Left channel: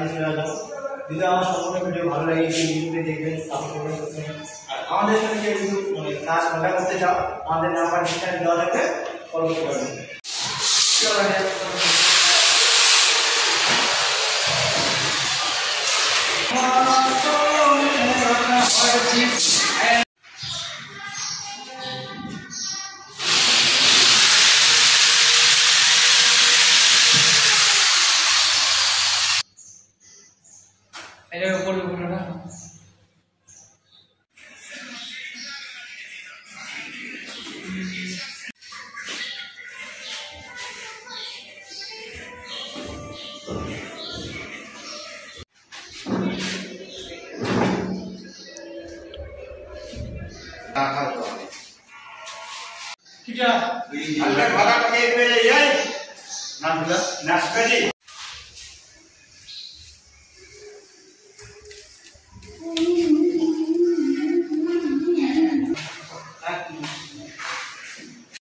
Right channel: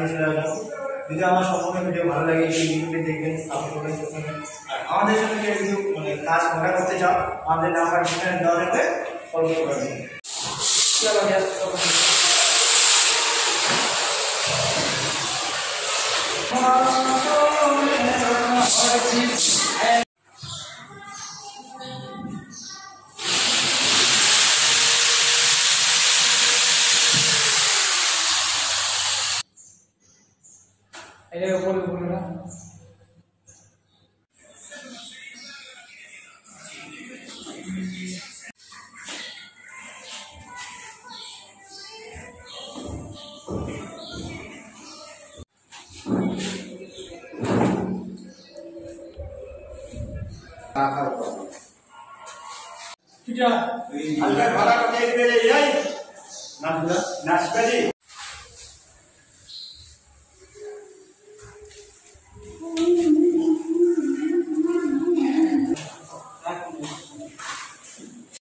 নিয়ে চলে আসবো। যদি আমার সম্পূর্ণ ভিডিও ভালো লাগে ইউটিউবে দেখবেন, সাপোর্ট করবেন। আর আমাদের সাথে যদি মানে কাজ কন্ট্যাক্ট করতে চাও আমাদের নাম্বার ডিসক্রিপশনে দেওয়া থাকবে, কল করতে পারবেন। এটা উপরে উপরে না ठीक है अलग वाला के ये नाच नाच